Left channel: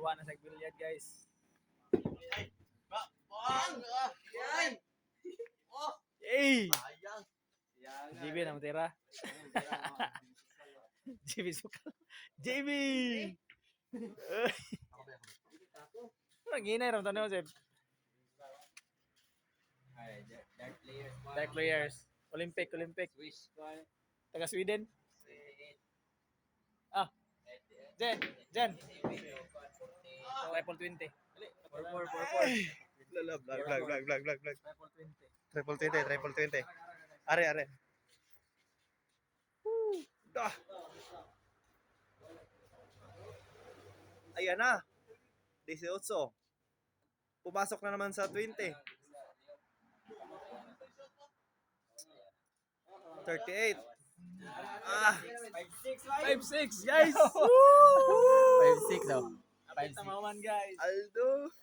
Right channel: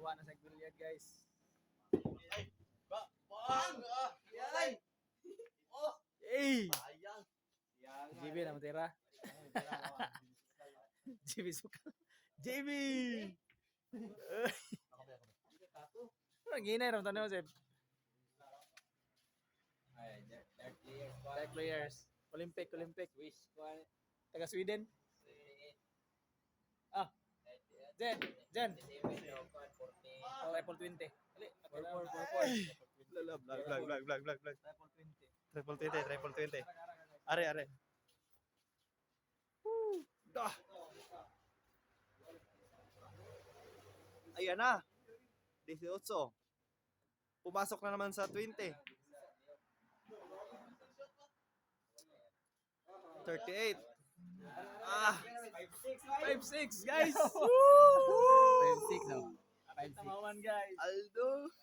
Tuwa na sa bilyag guys. Hey! JB na matira. JB sukal. JB! Ang ginay ram tanong sir. Dark players. Olympic. Taga Sweden. Ah. Jen. Triple 20. Vlog. Triple 20. Triple 20. Are. Dah. Ayan na. 18. Pumasok na naman sa 20. 38. 5-6 guys. 5-6 daw. Apit na maman guys. Aldo.